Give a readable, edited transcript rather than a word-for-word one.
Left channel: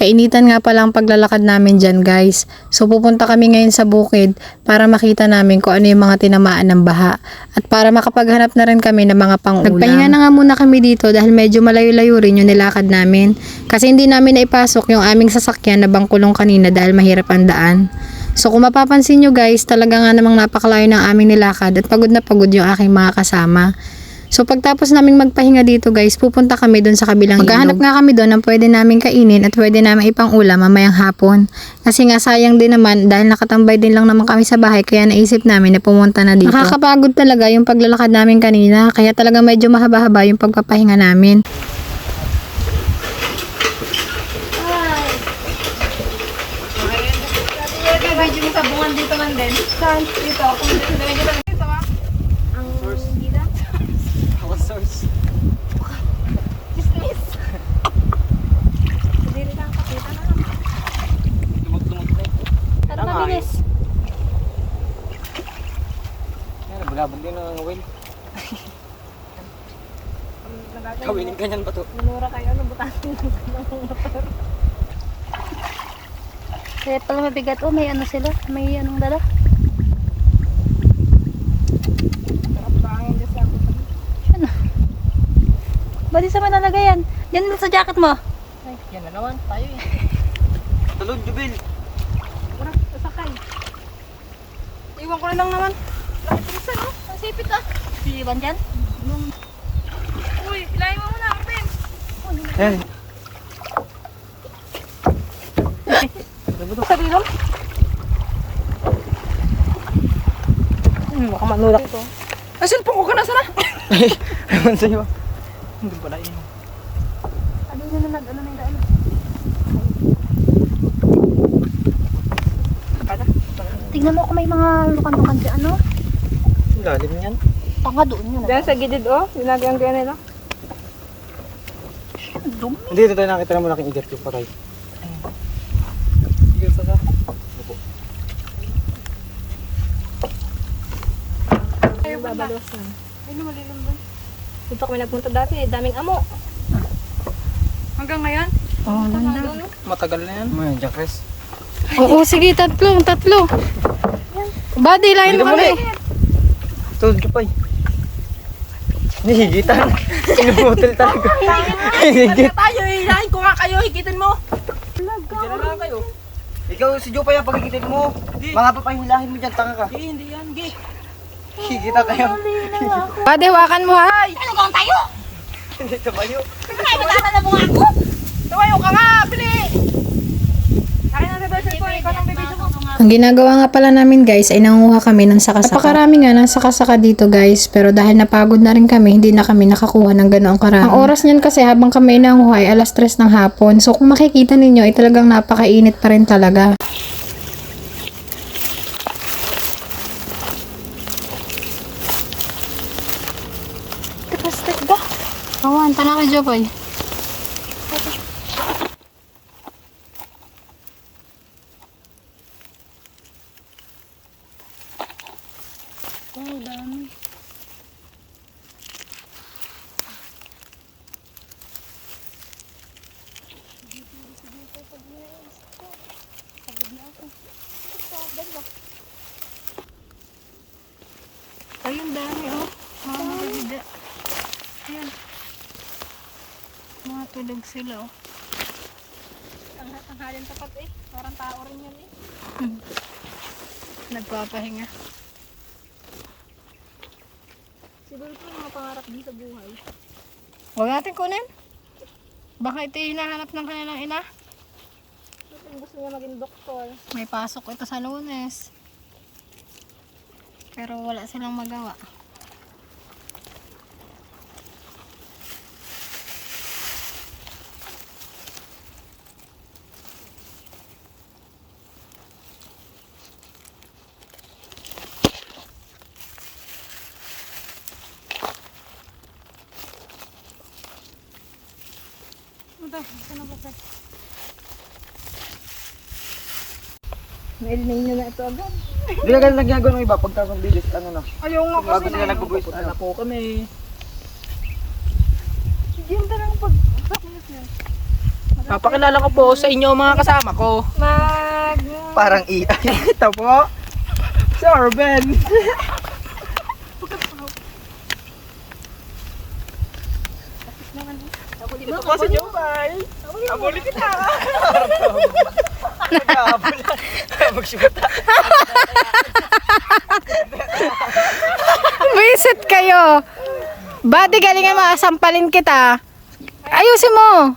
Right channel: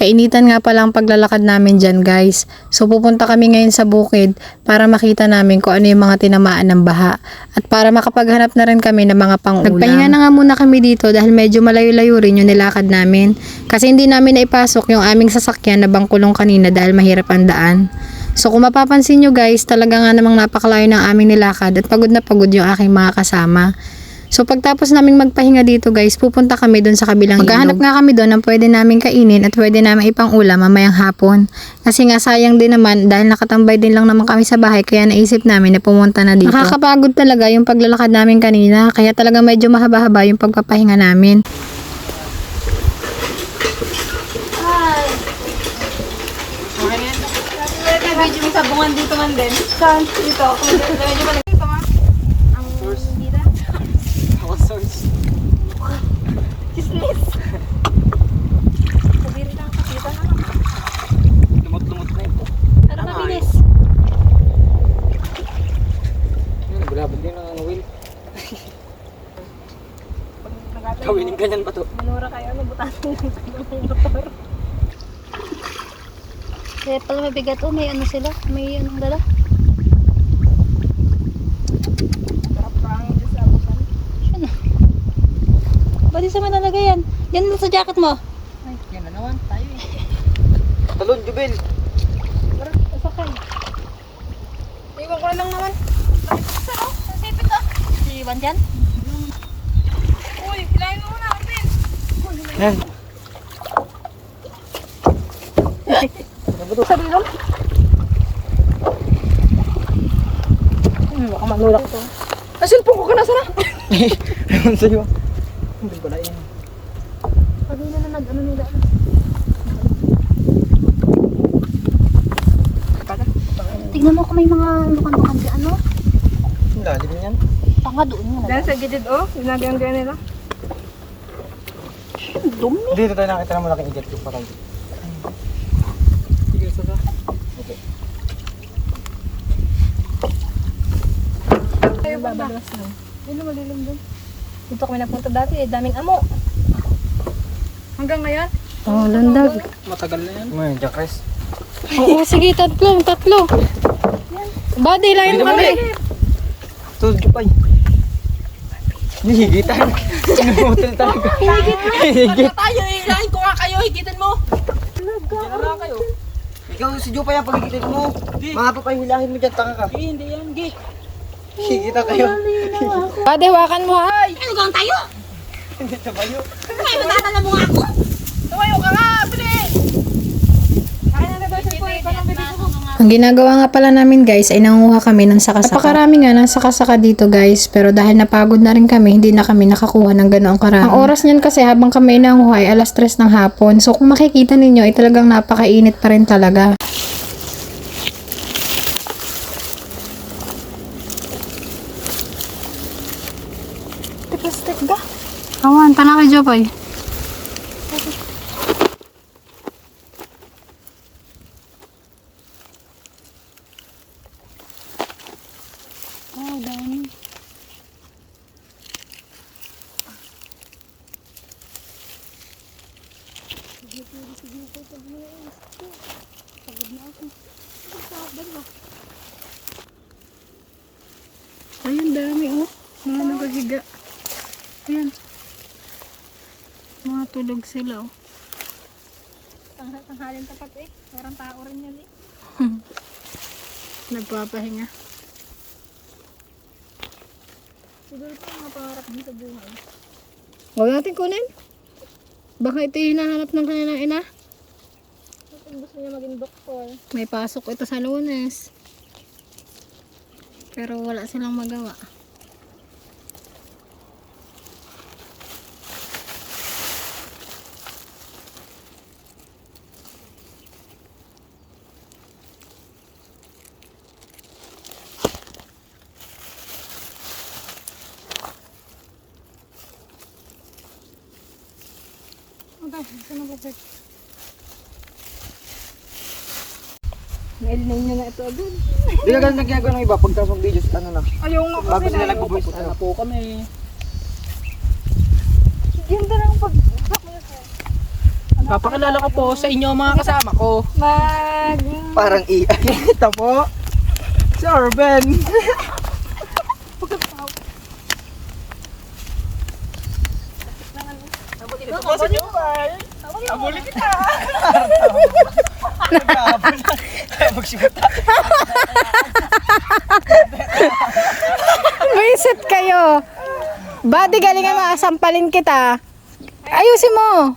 Kainitan nga pala ang paglalakad namin dyan guys. So pupunta kami ngayon sa bukid para makita namin kung ano yung mga tinamaan ng baha. At para makapaghanap na rin kami ng mga pang-ulam. Nagpahinga na nga muna kami dito dahil medyo malayo-layo rin yung nilakad namin. Kasi hindi namin naipasok yung aming sasakyan na bangkulong kanina dahil mahirap ang daan. So kung mapapansin nyo guys, talaga nga namang napakalayo ng aming nilakad at pagod na pagod yung aking mga kasama. So pagtapos naming magpahinga dito guys, pupunta kami doon sa kabilang ilog. Maghahanap nga kami doon ng pwede namin kainin at pwede namin ipang ulam mamayang hapon. Kasi nga sayang din naman dahil nakatambay din lang naman kami sa bahay kaya naisip namin na pumunta na dito. Nakakapagod talaga yung paglalakad namin kanina kaya talaga medyo mahaba-haba yung pagpapahinga namin. Medyo may sabungan dito man din. Sounds dito. Ito nga. Ang dito. Our source. Chismis. Sabiri lang kapitan na lang. Lumot-lumot na ito. Pero mabilis. Bulabog din ang wheel. Kawinin ganyan ba ito? Minura kayo, ano, butasin ng motor. Kaya pala mabigat. Oh, may ano sila? May anong dala? Sarap pangin dyan sa abutan. Ano? Ba't di sa manalagay yan? Yan sa jacket mo. Ay, yan na naman. Tayo eh. Talon, Jubel. Tara, sasakay. Iwan ko na lang naman. Laki pinsa, no? Ang sipit ah. Si Iwan dyan? Uy, pilayin mo muna. Umpin. Yan. Sarilo? Baka manulak ito. Ay, cellphone ko ka nasa na? Ewan sa'yo. Hindi pala yun. Sabi na ano nila ano. Tignan mo kung may mga lukan-lukan si ano. Ang lalim yan. Tanga doon yun. Diyan sa gilid oh, sinagyan nila. Dumi. Hindi ito tayo nakita ng malaking igat ko pa kayo. Sige, isa ka. Opo. Ay, babalas na. Ay, lumalilim doon. Dito kami napunta dati, daming amo. Hanggang ngayon? Oh, landag. Matagal na yan. May jakres. Oo, sige, tatlo. Buddy, lain mo kami. Ito, Jupay. Higitan. Sinubotol talaga. Higit. Tayo, hilahin ko nga kayo, higitin mo. Diyan na kayo. Ikaw si Jupay ang pagigitin mo. Mahaba pa yung hilahin mo dyan, tanga ka. Hindi yan, git. Higita kayo. Buddy, hawakan mo ha. Ano gang tayo? Hindi ka bayo. Ay, magkakala mo nga ako. Tumayo ka nga, bili! Akin na ba ito? Ikaw nang bibigyan mo. Ang ginagawa nga pala namin guys ay nangunguha kami ng saka-saka. Napakarami nga ng saka-saka dito guys, pero dahil napagod na rin kami, hindi na kami nakakuha ng ganoong karami. Ang oras niyan kasi habang kami nanguha ay 3:00 ng hapon. So kung makikita ninyo ay talagang napakainit pa rin talaga. Tipastik ba? Awan, tala ka Jopay. Oh, dami. Ayun, dami oh. Mga nakahiga. Ayan. Mga tulog sila oh. Ang halin tapat eh. Parang tao rin yan eh. Nagpapahinga. Siguro ito ang mga pangarap din sa buhay. Huwag natin kunin. Baka ito yung hinahanap ng kanilang ina. Ito gusto niya maging doktor. May pasok ito sa Lunes. Pero wala silang magawa. Dahil ninyo na ito agad. Hindi ka ganun nagyagawa ng iba. Pagtasok ng videos, ano na. Ayaw nga Bago sila nag-voice Punta ano. na po kami. Ganda lang pag... Papakilala ko po sa inyo mga kasama ko. Parang AI. Ito po. Si Orben. Ito po si Jopay. Abulin kita. Visit kayo. Buddy, galingan mo, sampalin kita. Ayusin mo.